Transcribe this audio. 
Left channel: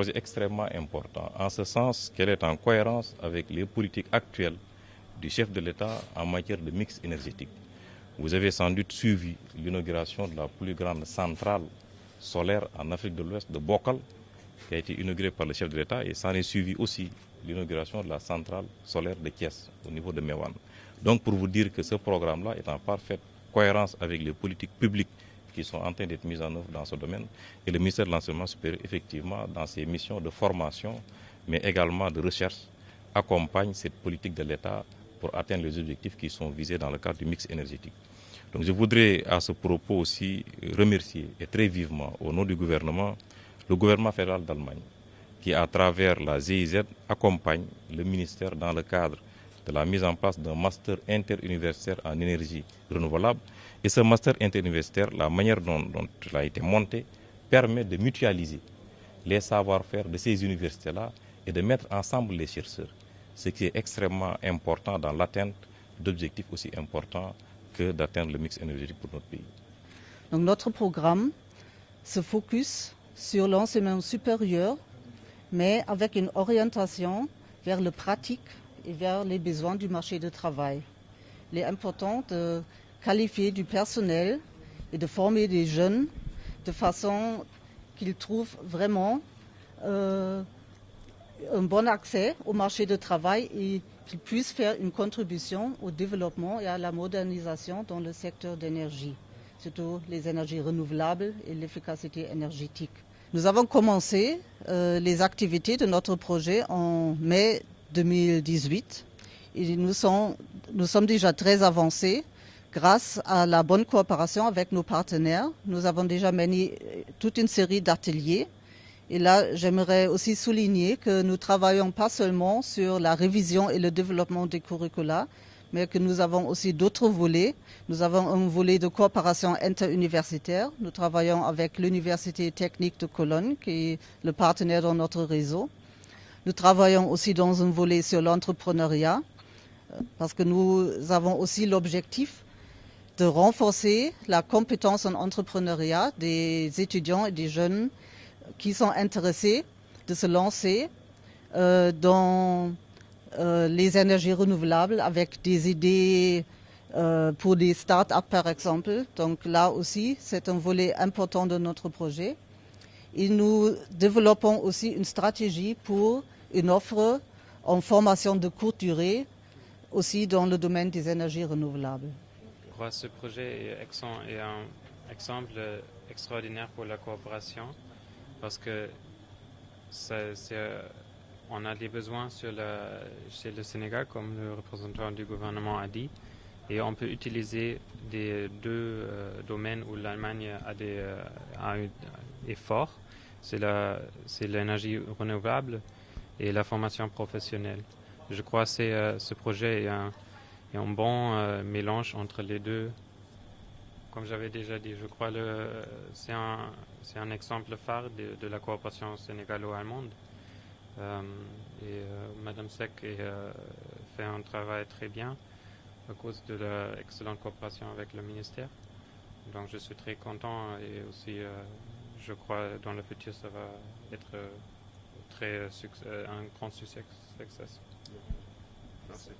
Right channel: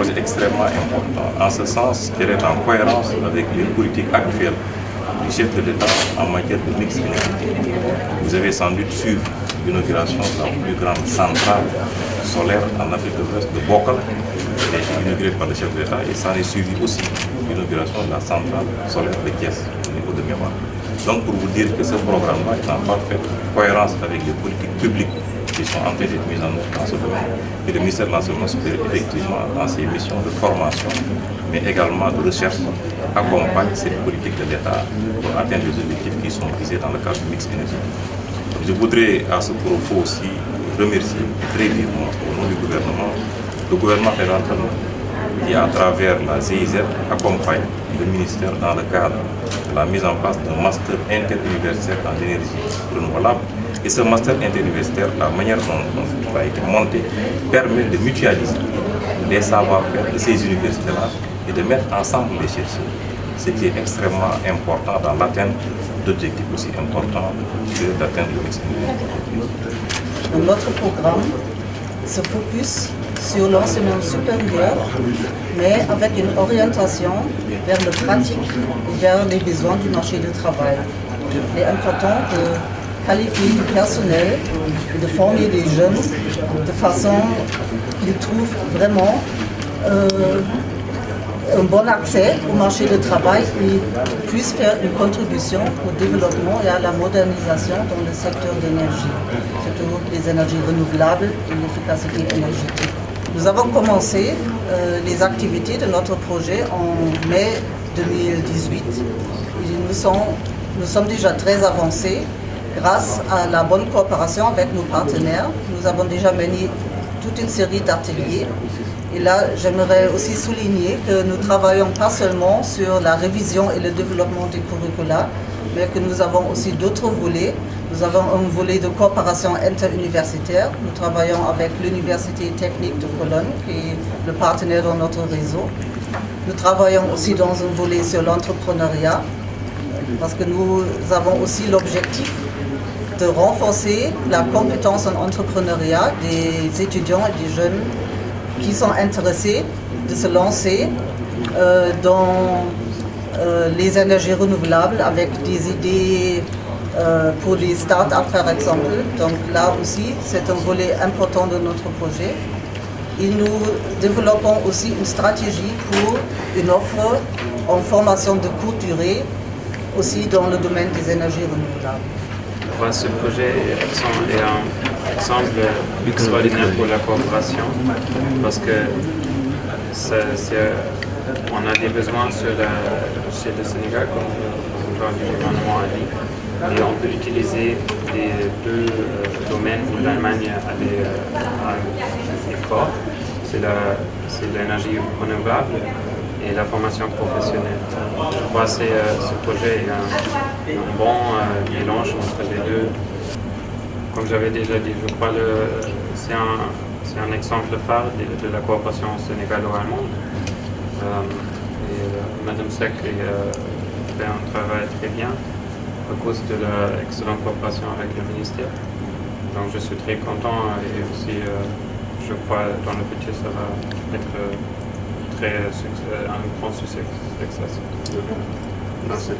projet extrêmement important, en ce sens qu'elle est en cohérence avec les politiques actuelles du chef de l'État en matière de mix énergétique. Vous avez sans doute suivi l'inauguration de la plus grande centrale solaire en Afrique de l'Ouest, de Bokal, qui a été inaugurée par le chef de l'État, et ça est suivi aussi l'inauguration de la centrale solaire de Thiès, au niveau de Mémoire. Donc pour vous dire que ce programme-là est en parfaite cohérence avec les politiques publiques qui sont en train d'être mises en œuvre dans ce domaine. Et le ministère de l'Enseignement supérieur, effectivement, dans ses missions de formation, mais également de recherche, accompagne cette politique de l'État pour atteindre les objectifs qui sont visés dans le cadre du mix énergétique. Donc, je voudrais à ce propos aussi remercier très vivement au nom du gouvernement, le gouvernement fédéral qui, à travers la GIZ, accompagne le ministère dans le cadre de la mise en place d'un master interuniversitaire en énergie renouvelable. Et ce master interuniversitaire, la manière dont il a été monté, permet de mutualiser les savoir-faire de ces universités-là et de mettre ensemble les chercheurs, ce qui est extrêmement important dans l'atteinte d'objectifs aussi importants que d'atteindre le mix énergétique. Notre programme se focus sur l'enseignement supérieur, mais avec une orientation vers le pratique et vers les besoins du marché du travail. Il est important de qualifier du personnel et de former des jeunes de façon qu'ils trouvent vraiment un bon accès au marché du travail et puissent faire une contribution au développement et à la modernisation dans le secteur d'énergie, surtout les énergies renouvelables et l'efficacité énergétique. Nous avons commencé les activités de notre projet en mai 2018. Et nous sommes déjà très avancés grâce à la bonne coopération avec nos partenaires. Nous avons déjà mené toute une série d'ateliers. Et là, j'aimerais aussi souligner que nous travaillons pas seulement sur la révision et le développement des curricula, mais que nous avons aussi d'autres volets. Nous avons un volet de coopération interuniversitaire. Nous travaillons avec l'Université technique de Cologne, qui est le partenaire dans notre réseau. Nous travaillons aussi dans un volet sur l'entrepreneuriat, parce que nous avons aussi l'objectif de renforcer la compétence en entrepreneuriat des étudiants et des jeunes qui sont intéressés de se lancer dans les énergies renouvelables avec des idées pour les start-up par exemple. Donc là aussi, c'est un volet important de notre projet. Et nous développons aussi une stratégie pour une offre en formation de courte durée, aussi dans le domaine des énergies renouvelables. Ce projet est un exemple extraordinaire pour la coopération parce que on a des besoins chez le Sénégal, comme le gouvernement a dit, et on peut utiliser les deux domaines où l'Allemagne est fort. C'est l'énergie renouvelable et la formation professionnelle. Je crois que ce projet est un bon mélange entre les deux. Comme j'avais déjà dit, je crois que c'est un exemple phare de la coopération sénégalo-allemande. Madame Sek fait un travail très bien à cause de l'excellente coopération avec le ministère. Donc je suis très content et aussi je crois que dans le futur ça va être un grand succès. Merci.